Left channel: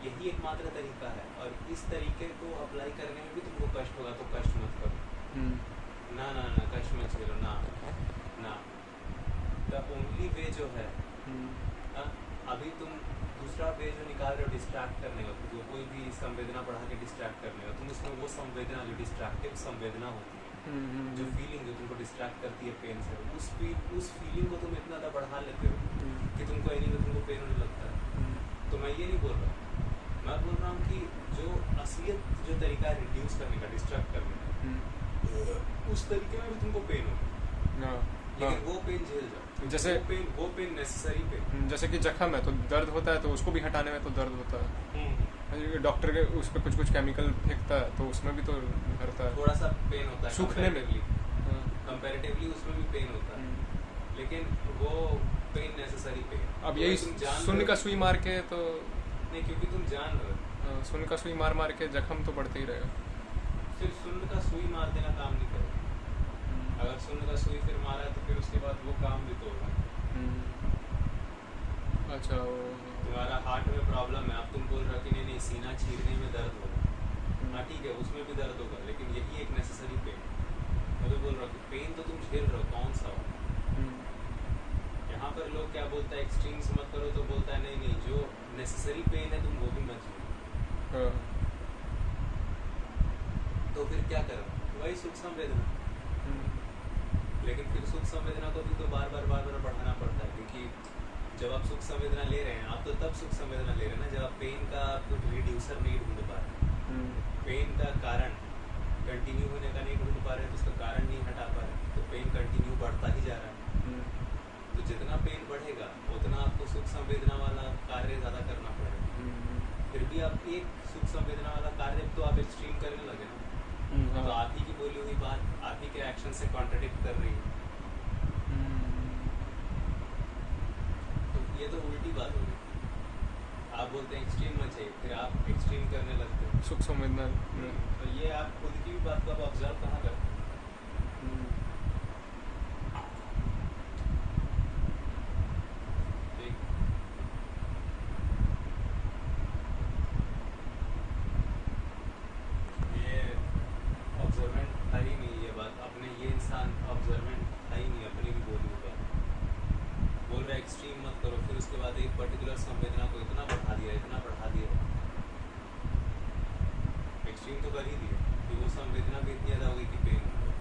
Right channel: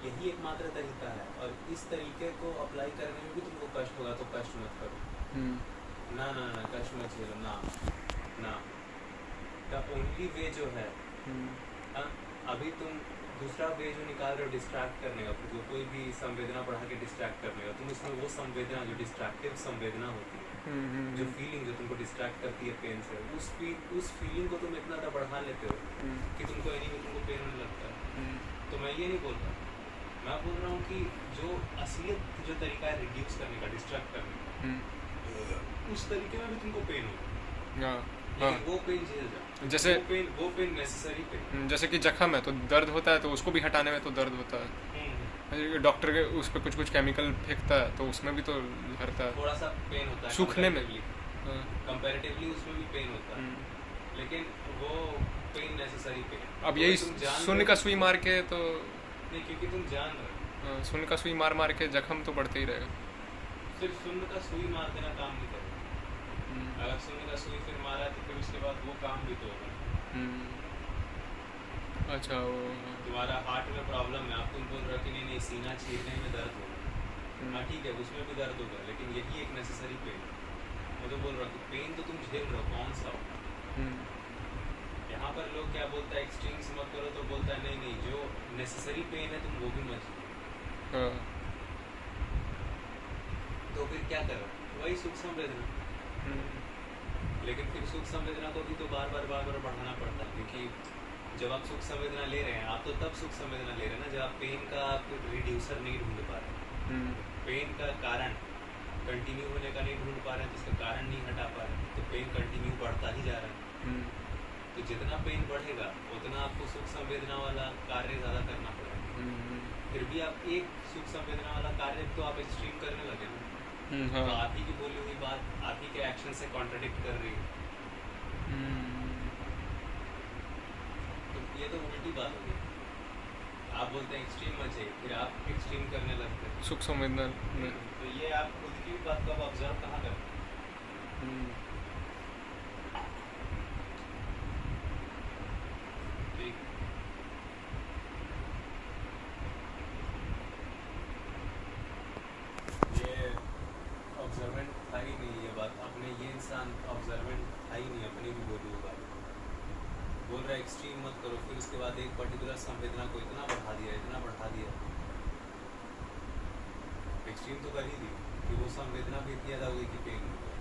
यही एकमात्र तरीका है, और इस तरीके को अप्लाई करने में भी तुमको कष्ट होगा तो कष्ट मत करो। ना ना ना, कष्ट मत झेलो ना ना। द ओनली वे जो है, अभी तुम दूसरा वे जो निकाल रहे हो डिस्ट्रैक्ट करने का, जो कोई भी संवेदना बढ़ा के डिस्ट्रैक्ट करने का, तुम इसमें वो संवेदना जो डिस्ट्रैक्टिव संवेदना होती है, जो फीलिंग जो तुमको डिस्ट्रैक्ट करती है पेन से, उस फीलिंग को तुम इतना ज़्यादा बढ़ा लेते हो कि तुमको एनी में तुमको पेन होने लगता है। तो मैं ये नहीं बोल रहा, मैं बोल रहा हूँ कि जो असलियत जो तरीका है रिड्यूस करने का, डिस्ट्रैक्ट करने का, उस तरीके में भी तुमको पेन होगा, लेकिन वो पेन झेल जाओ। जैसे वो पेन नेसेसरी पेन। जैसे कि जख्म है तो दर्द होता है, तो उसको भी हटाने में तो दर्द होता है। डॉक्टर के उस पर कुछ केमिकल फेंकता है तो उसमें भी तो हरता है, थोड़ा सा पेन होता है सूखने में कंपैरेटिवली, उसमें भी पेन होता है, लेकिन वो पेन नेसेसरी पेन। अब यही शून्य का सुई मार के तो नहीं, क्योंकि तुम जान रहे हो शून्य का सुई मार के जख्म तो बढ़ते ही रहेगा। सिर्फ शून्य का सुई मार देना काम नहीं करेगा। अगर शून्य का सुई फिर मारा है तो फिर उसके बाद वो काम भी तो होगा। अच्छा, वो तुम्हारा हार्ट में प्रॉब्लम है, अब तुम बोल रहे हो कि नहीं सीना चीरने में दर्द होगा, हाँ ठीक है, उसमें भी दर्द होगा, लेकिन यही एक नेसेसरी पेन। मैं तो बोल रहा हूँ कि पेन तो तुम झेल रहे हो, कौन सा हो। यहाँ पर लोग क्या बोलता है, एक्सट्रीम्स मत करो, तो बोलता है नहीं जो नेसेसरी पेन है तुम वो भी मत झेलो। तो फिर क्या करो, वही सुख संवेदना। लेकिन फिर सुख संवेदना को भी तो बार बार बढ़ाना पड़ता है, क्योंकि जब आप सुख संवेदना ले रहे हैं, आप तो तब सुख संवेदना ले रहे हैं ना जब आप पेन का कुछ रिड्यूसर नहीं ढूंढ पा रहे, पेन का कारण कंटिन्यू होने का नहीं ढूंढ पा रहे हैं, तो उसका कारण नहीं हटा पा रहे हैं, तो पेन कंटिन्यू बढ़ता ही जा रहा है। तो जितना पेन बढ़ेगा उतना आपको सुख संवेदना वाला कार्य ज़्यादा करना पड़ेगा। फिर भी आप एक सुख संवेदना वाला कार्य तो आप एक्सट्रीम करने लगे ना, तो आप ही की बोली हुई बात आप ही के एक्शन से कॉन्ट्रडिक्ट कर रही है। तो ये तो उल्टी बात होगी। आप बोलते हैं एक्सट्रीम मत चाहिए, फिर आप एक्सट्रीम करने लगते हैं सुख संवेदना में। तो ये आप खुद की भी बात को आप ऑब्जर्व कहाँ करते हैं। ऑब्जर्वेंट था ही नहीं ये बात, अपने ये इंसान ऑब्जर्वेंट था ही नहीं, अपनी भी बोली हुई बात बोल रहा है एक्सट्रीम मत करो, फिर उसके बाद एक पर्टिकुलर संवेदना को इतना बढ़ा दिया एक्सट्रीम तो कर ही दिया कि वो संवेदना भी इतनी ज़्यादा हुई कि पेन हो गया।